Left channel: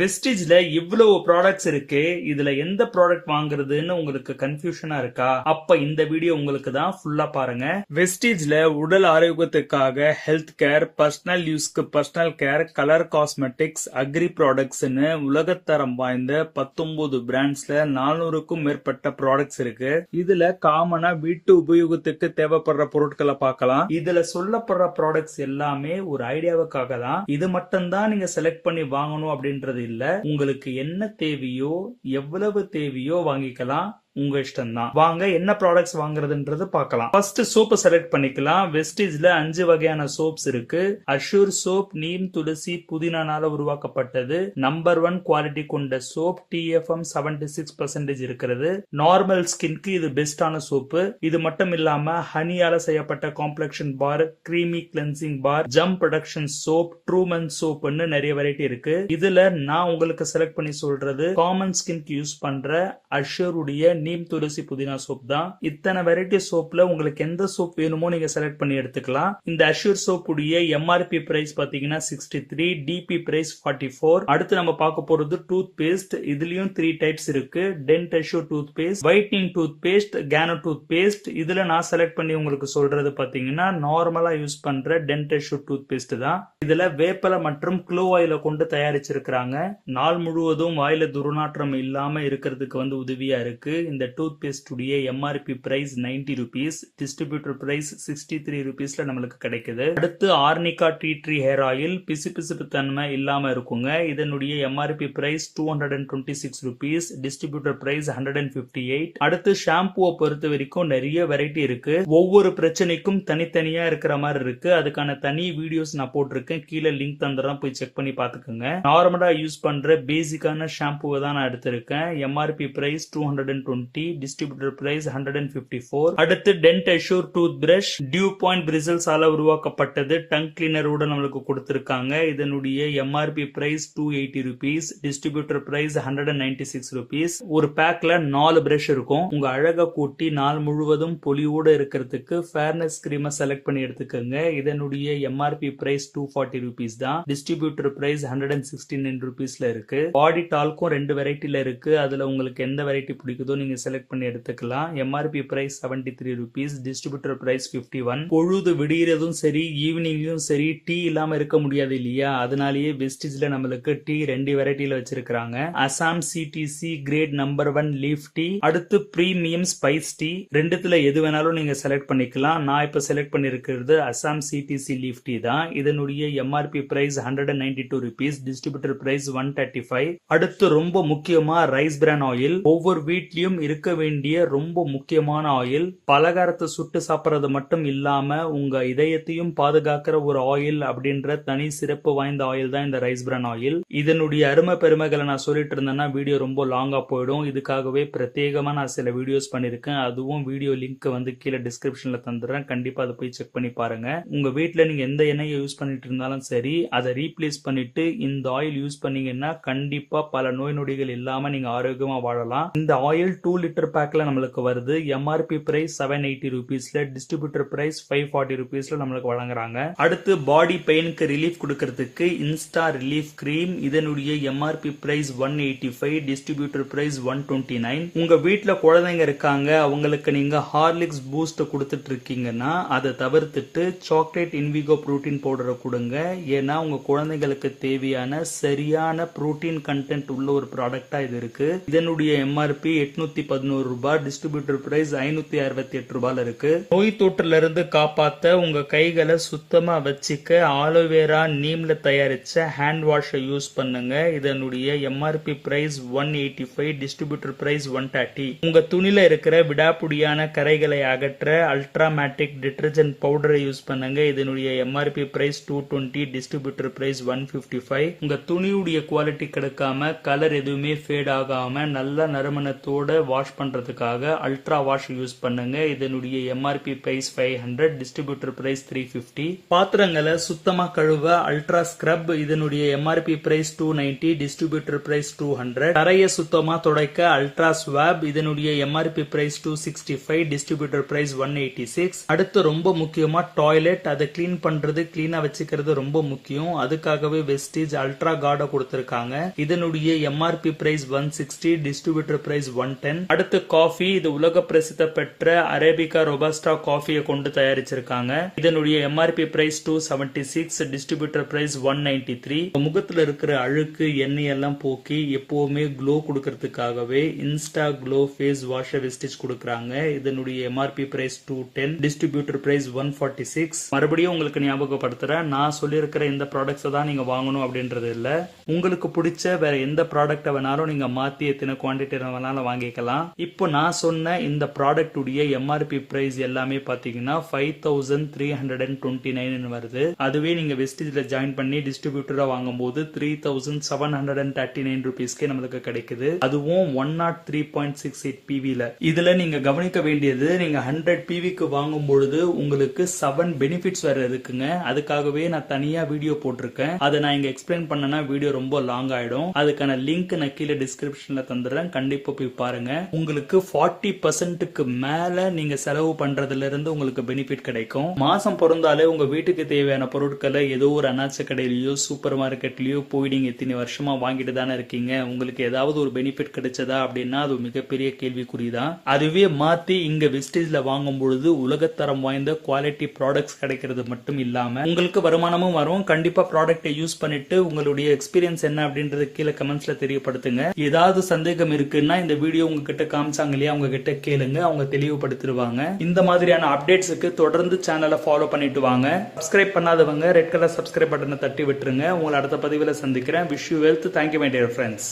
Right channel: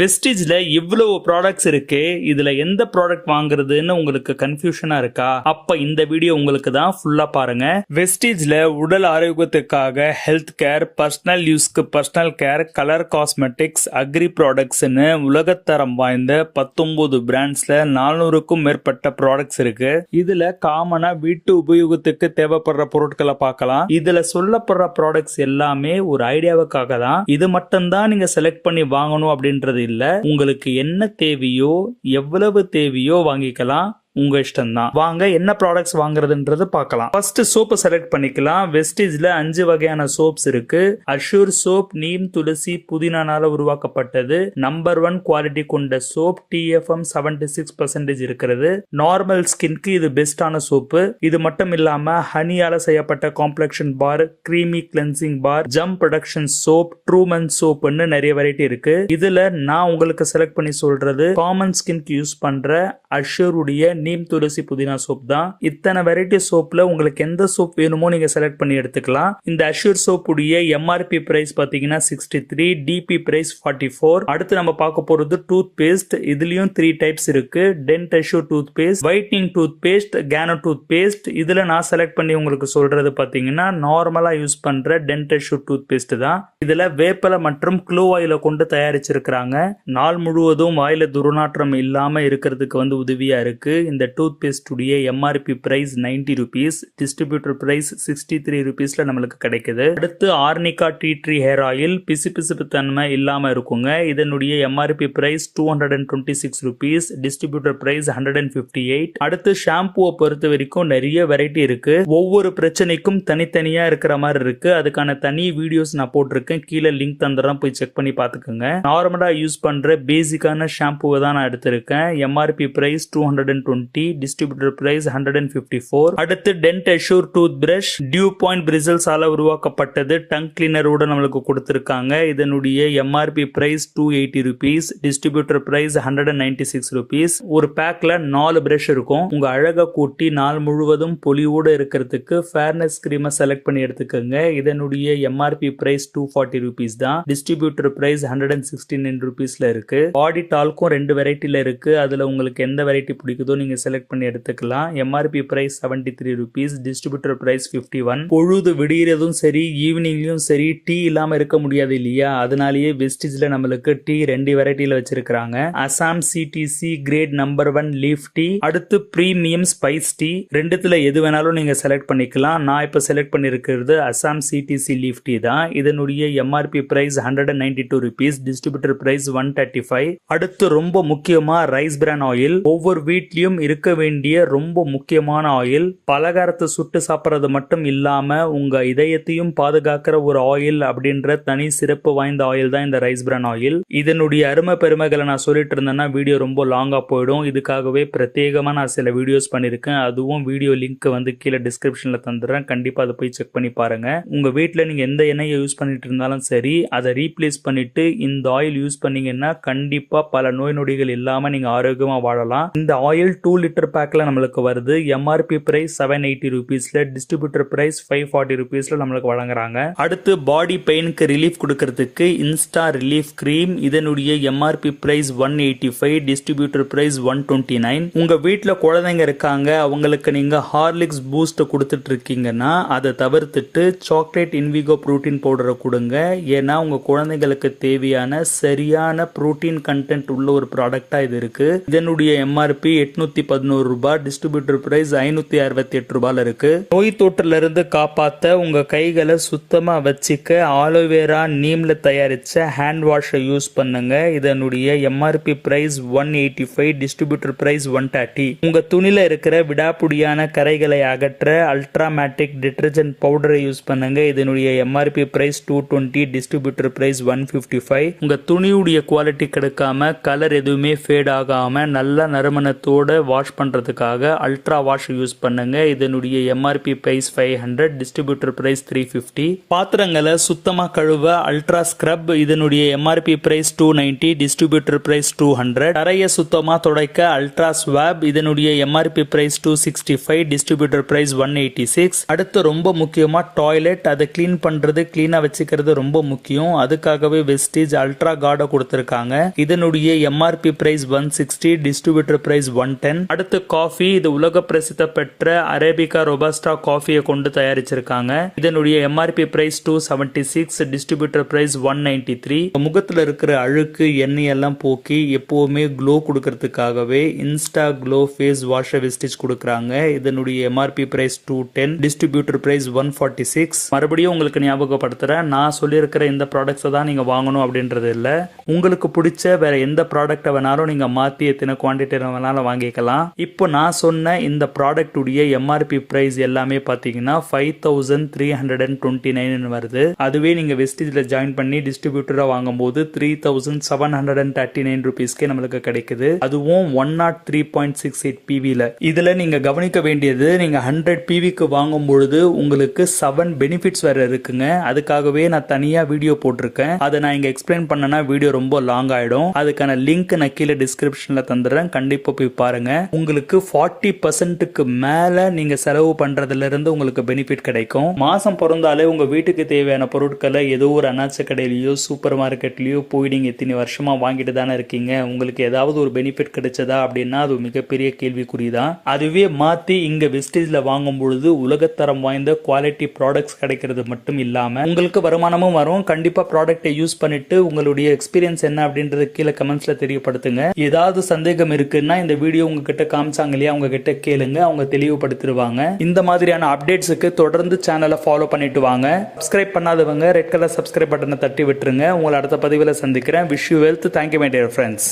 வெஸ்டிஜ்ல இவ்வளவு ப்ராடக்ட்ஸ் இருக்கு, இதுல எந்த ப்ராடக்ட் வாங்குறதுன்னு உங்களுக்கு கன்ஃபியூஷனா இருக்கா? அப்ப இந்த வீடியோ உங்களுக்கு தான், ஃபுல்லா பாருங்க. வெஸ்டிஜ்ல உடல் ஆரோக்கியத்துக்காக ஹெல்த் கேர், பர்சனல் யூஸ்க்கு personal care, colour cosmetics, agri ப்ராடக்ட்ஸ்னு உலகத்தரம் வாய்ந்த 19 பிராண்ட்ஸ்ல 400க்கும் மேற்பட்ட ப்ராடக்ட்ஸ் இருக்கு. இதுல காமனா வீட்டு உபயோகத்துக்கு தேவைப்படுற பொருட்களை பார்க்கலாம். இதுல சொல்லப்படுற ப்ராடக்ட்ஸ் எல்லாமே ஒரு ஐடியாவுக்காக தான். இது மட்டும் தான் நீங்க செலக்ட் பண்ணி வாங்கணும் அப்படின்றது இல்ல. உங்களுக்கு என்ன தேவையோ, எவ்வளவு தேவையோ வாங்கிக்கலாம். உங்க இஷ்டம் தான். வாங்க என்ன ப்ராடக்ட்ஸ் வாங்குறதுன்றது பார்க்கலாம். ஃபர்ஸ்ட் சோப் செலக்ட் பண்ணிக்கலாம். வெஸ்டிஜ்ல 5 வகையான சோப்ஸ் இருக்கு. அஷ்யூர் சோப் நீம், துளசி, புதினானால உருவாக்கப்பட்டது. நம்பர் 1 குவாலிட்டி கொண்ட சோப். TFM 76% இருக்கிறது. நார்மல் ஸ்கின்க்கு இது பெஸ்டான சோப்பு. இது மட்டும் இல்லாம ஹனியால செய்யப்பட்ட காம்ப்ளெக்ஷன் பார், கிரீமி கிளென்சிங் பார், ஜம் ப்ரொடக்ஷன் சோப், ட்ரூமன் சோப்னு நிறைய வெரைட்டி இருக்கு. இதுல நான் உங்களுக்கு செலக்ட் பண்ணி சொல்றது காமன் ஸ்கின்க்கு யூஸ் பண்ற அஷ்யூர் உடைய நீம், துளசி, புதினா சோப் தான். இத்தனை வெரைட்டி சோப்ல உங்களுக்கு எந்த சோப் வேணுமோ நீங்க செலக்ட் பண்ணி எடுத்துக்கலாம். இந்த அஷ்யூர் சோப் உடைய MRP பிரைஸ் பாத்தீங்கன்னா 63, DP பிரைஸ் 44. அடுத்து நம்ம பார்க்க போறது டூத் பேஸ்ட். இதுலயும் 3 டைப்ஸ் இருக்கு. Dent Assure toothpaste, whitening toothpaste, கேனோ டூத் பேஸ்ட். இதுல நான் செலக்ட் பண்ணி உங்களுக்கு சொல்றது பாத்தீங்கன்னா நார்மலா யூஸ் பண்ற டென்ட் அஷ்யூர் டூத் பேஸ்ட் தான். இதுல வேப்பலை மற்றும் க்ளோ ஆயில கொண்டு தயாரிச்சிருக்கிறாங்க. நாள் முழுவதும் வாயில துர்நாற்றம் இல்லாம இருக்கிறதுக்கு உதவியா இருக்கு. இந்த டூத் பேஸ்ட் உடைய MRP price 90 rupees, distributor price 63 rupeesல நம்மளுக்கு கிடைக்குது. அடுத்து Arnica tea tree hair oil, பிசுபிசுப்பு தன்மை இல்லாம இருக்குங்க. இதனுடைய MRP price 226 rupees, distributor price 158. அடுத்து ஷாம்புவை பொறுத்த வரைக்கும் நிறைய வெரைட்டி இருக்கு. ஒவ்வொரு பிரச்சனைக்கும் தனித்தனியா இருக்கிற மாதிரி இருக்கு. அதுக்கான தனி வீடியோஸ் நான் போட்டிருக்கேன், கீழே லிங்க் தந்துடுறேன், போய் செக் பண்ணி பாத்துக்கோங்க. நார்மலா யூஸ் பண்ற பேசிக்கான ஷாம்புவை தான் நான் எடுத்திருக்கேன். MRP price 220, distributor price 154. அடுத்து Dent Assure toothbrush, dew point bristles ஆல உருவாக்கப்பட்டது. டங் கிளீனரோட நம்மளுக்கு கொடுத்திருக்காங்க. இதனுடைய MRP price 280 rupees, distributor price 196 rupees. ஒரு பேக்ல 4 பிரஷ் இருக்கும். உங்க அழகை கூட்டி நாள் முழுவதும் பொலிவோட இருக்கிறதுக்கு ஃபேர்னஸ் கிரீமை செலக்ட் பண்ணி எடுத்துக்கோங்க. இதனுடைய MRP பிரைஸ் 240 rupees தான். டிஸ்ட்ரிபியூட்டர் பிரைஸ் 169 rupeesல இருக்கு. பாடி டால்க்கும் 2 வெரைட்டில இருக்கு. அதுல உங்களுக்கு எந்த வெரைட்டி பிடிக்குதோ நீங்க செலக்ட் பண்ணி எடுத்துக்கலாம். MRP price 73 rupees, distributor price 51. பொழுது விடியறதும் சரி, ஈவினிங்லயும் சரி, டீ இல்லாம இருக்க முடியாது இல்லையா? அதனாலேயே வெஸ்டிஜ்ல நம்மளுக்கு டீ 2 வெரைட்டில வச்சிருக்காங்க. Assam CTC grade number 1 leaf tea, அடுத்து பிரீமியம் ஸ்பைஸ் டீ. ரெண்டுத்துல எது வேணாலும் நீங்க செலக்ட் பண்ணிக்கலாம். நான் இப்ப செலக்ட் பண்ணிருக்கிறது அசாம் CTC லீஃப் டீ தான். இதனுடைய MRP price 192 rupees, distributor price 135. அடுத்து ரொம்ப முக்கியமா ரைஸ் பிரான் ஆயில். ஒவ்வொரு வீட்லயும் இருக்க வேண்டிய ரொம்ப முக்கியமான ஆயில். பலகாரத்தை சுட்டு சாப்பிட்றது மட்டும் இல்லாம உங்க இதயத்தையும் பாதுகாக்கிற ஒரு ஆயில் அப்படின்ற தனி சிறப்பு வாய்ந்த ஆயில் தான் இந்த ரைஸ் பிரான் ஆயில். இதனுடைய அருமை பெருமைகளை நான் சொல்லிட்டு இருந்தேன்னா வீடியோ ரொம்ப லாங்கா போயிடும். இதுக்காகவே பிரத்யேகமா நான் சில வீடியோஸ் பண்ணிருக்கேன். அதுவும் வீடியோ லிங்க் கீழே டிஸ்கிரிப்ஷன்ல தந்துடுறேன். கண்டிப்பா அதை போய் செக் பண்ணி பாருங்க. உங்க வீட்டுல நீங்க எந்த எண்ணெயை யூஸ் பண்ணிட்டு இருந்தாலும் சரி, அதை ரீப்ளேஸ் பண்ணிட்டு இந்த ஆயில் யூஸ் பண்ணீங்கன்னா கண்டிப்பா பல நோய் நொடிகள் இல்லாம நீங்க ஆரோக்கியமா வாழலாம். இந்த ஆயில் 2 லிட்டர் பேக்ல நம்மளுக்கு வருது. MRP பிரைஸ் 780 rupeesல, டிஸ்ட்ரிபியூட்டர் பிரைஸ் 540 rupeesல நம்மளுக்கு வழங்குறாங்க. அடுத்து பாடி பெயினுக்கு ரிலீஃப் கொடுக்கிறதுக்கு இன்ஸ்டா ரிலீஃப் கிரீம். இதனுடைய MRP பிரைஸ் 185, டிஸ்ட்ரிபியூட்டர் பிரைஸ் 129. உங்க வீட்டுல குழந்தைங்க இருக்காங்க, அவங்களுக்கு நீங்க ஹார்லிக்ஸ் பூஸ்ட் கொடுத்துட்டு இருக்கீங்கன்னா அதை தவிர்த்துட்டு சாக்லேட் இன்விகோ புரோட்டீன் பவுடரை கொடுங்க. ஏன்னா உங்க குழந்தைங்களுக்கு தேவையான சரியான புரோட்டீன் கண்டென்ட் உள்ள ஒரு ப்ராடக்டா இது இருக்கு. இதனுடைய MRP 811 ரூபாய், டிஸ்ட்ரிபியூட்டர் பிரைஸ் 568 ரூபாயில இருக்கு. நோய் தொற்றுல இருந்து காப்பாத்த உங்க கைகளை சுத்தமா வச்சுக்க ஆலோவேரா நீம்ல தயாரிச்ச ஹேண்ட் வாஷை யூஸ் பண்ணுங்க. இதனுடைய MRP பிரைஸ் 185, டிஸ்ட்ரிபியூட்டர் பிரைஸ் 130. உங்க துணில இருக்கிற விடாப்புடியான கரைகளை அகற்ற அல்ட்ராமேட்டிக் டிடர்ஜென்ட் பவுடரை யூஸ் பண்ணுங்க. இதனுடைய MRP பிரைஸ் 220, டிஸ்ட்ரிபியூட்டர் பிரைஸ் 155. உங்க துணியுடைய குவாலிட்டி கிடைக்காம கலர் எதுவுமே ஃபேட் ஆகாம நல்ல நறுமணத்தோட வாஷ் பண்றதுக்காக அல்ட்ரா வாஷ் யூஸ் பண்ணுங்க. இதனுடைய எம்ஆர்பி பிரைஸ் 500, டிஸ்ட்ரிபியூட்டர் பிரைஸ் 350. பாத்திரங்களை சுத்தமா கழுவ அல்ட்ரா ஸ்க்ரப், இதனுடைய எம்ஆர்பி பிரைஸ் 290, டிஸ்ட்ரிபியூட்டர் பிரைஸ் 200. தரைய சுத்தமா துடைக்க அல்ட்ரா ஸ்வாப், இதனுடைய எம்ஆர்பி பிரைஸ் 265, டிஸ்ட்ரிபியூட்டர் பிரைஸ் 186. அடுத்து ரொம்ப முக்கியமா டாய்லெட், அதை கிளீன் பண்றது, கிளீனா வச்சுக்கிறது ரொம்ப முக்கியம். அதுக்காகவே வெஸ்டீஜ் அல்ட்ரா கார்டை கொடுத்திருக்காங்க. இதனுடைய எம்ஆர்பி பிரைஸ் 160, டிஸ்ட்ரிபியூட்டர் பிரைஸ் 110. அடுத்து காஃபி, இது உலக பிரசித்தி பெற்ற அரேபிகா ரொபாஸ்டா காஃபியை கொண்டு தயாரிச்சிருக்காங்க. இதனுடைய எம்ஆர்பி பிரைஸ் 276, டிஸ்ட்ரிபியூட்டர் பிரைஸ் 193. முகத்துல இருக்கிற அழுக்கு எண்ணெய் எல்லாம் போக்கி எப்பவுமே க்ளோ கொடுக்கறதுக்காகவே insta glow face wash Vestige கொடுக்கறாங்க. இதனுடைய எம்ஆர்பி பிரைஸ் 210, டிஸ்ட்ரிபியூட்டர் பிரைஸ் 146. மறுபடியும் உங்களுக்கு ஞாபகப்படுத்துறேன், நான் சொல்லியிருக்கிற இந்த ப்ராடக்ட்ஸ் தான் நீங்க வாங்கணும் அப்படின்றது இல்ல. உங்களுக்கு பிடிச்ச வேற எந்த ப்ராடக்ட் வேணாலும் நீங்க மாத்தி எத்தனை குவான்டிட்டி வேணாலும் வாங்கிக்கலாம். இப்போ நான் சொன்ன இந்த ப்ராடக்ட் உடைய எம்ஆர்பி பிரைஸ் எல்லாமே பாத்தீங்கன்னா 5329 வருது. அதுவே நீங்க வெஸ்டீஜ்ல ஜாயின் பண்ணி டிஸ்ட்ரிபியூட்டரா வாங்கும் போது 3739 ருபீஸ்க்கே நம்மளுக்கு கிடைக்குது. அதுவும் 103.68 PVல. இதுல நீங்க கவனிக்க வேண்டியது, நீங்க 100 PVக்கு வாங்கும் பொழுது உங்களுக்கு 7 பெனிஃபிட்ஸ் வேற இருக்குங்க. அதுக்காகவே நான் தனியா வீடியோ போட்டிருக்கேன். அதை நான் இங்க எக்ஸ்பிளைன் பண்ணனா வீடியோ ரொம்ப லாங் ஆயிடும். அதுக்கான லிங்க் நான் கீழே டிஸ்கிரிப்ஷன்ல தந்துடுறேன், கண்டிப்பா போய் பாருங்க. உங்களுக்கு 40%க்கு மேல நீங்க செலவு பண்றதுல இருந்து உங்களுக்கு பெனிஃபிட் கிடைக்கும். மாசம் பிறந்தாலே உங்க வீட்டுக்கு தேவையான பொருட்களை ஏதோ ஒரு அனாச்ச கடையிலயோ சூப்பர் மார்க்கெட்லயோ போய் நீங்க இத்தனை வருஷமா வாங்கிட்டு தானே இருக்கீங்க. உங்களுக்கு ஏதாவது ஒரு பெனிஃபிட் கிடைச்சதா அப்படின்னா அது மிகப்பெரிய கேள்விக்குறிதான். அதுவே மாத்தி இங்க வெஸ்டீஜ்ல வாங்கும் பொழுது உலகத்தரம் வாய்ந்த குவாலிட்டி ப்ராடக்ட்ஸ் கிடைக்கிறது மட்டும் இல்லாம உங்களுக்கு வருமானமும் வரும். கண்டிப்பா ப்ராடக்ட்டை யூஸ் பண்ணிட்டு உங்களுடைய எக்ஸ்பீரியன்ஸ் என்ன அப்படின்றது கீழே கமெண்ட்ஸ்ல தெரியப்படுத்துங்க. ஏதாவது சந்தேகம் இருக்குன்னா இந்த வீடியோ உங்ககிட்ட காமிச்சாங்க இல்லையா, அவங்க கிட்ட கேளுங்க, அவங்க தெளிவுபடுத்திடுவாங்க. இந்த மாதிரியான அப்டேட்ஸுக்கு தொடர்ந்து சேனலை ஃபாலோ பண்ணிட்டு வாங்க. சப்ஸ்கிரைப் பண்ணாதவங்க ரெட் கலர் சப்ஸ்கிரைப் பட்டனை தட்டி விட்டுருங்க. உங்களை அடுத்த பதிவில் சந்திக்கிறேன். Wish you wealth. Thank you my dear friends.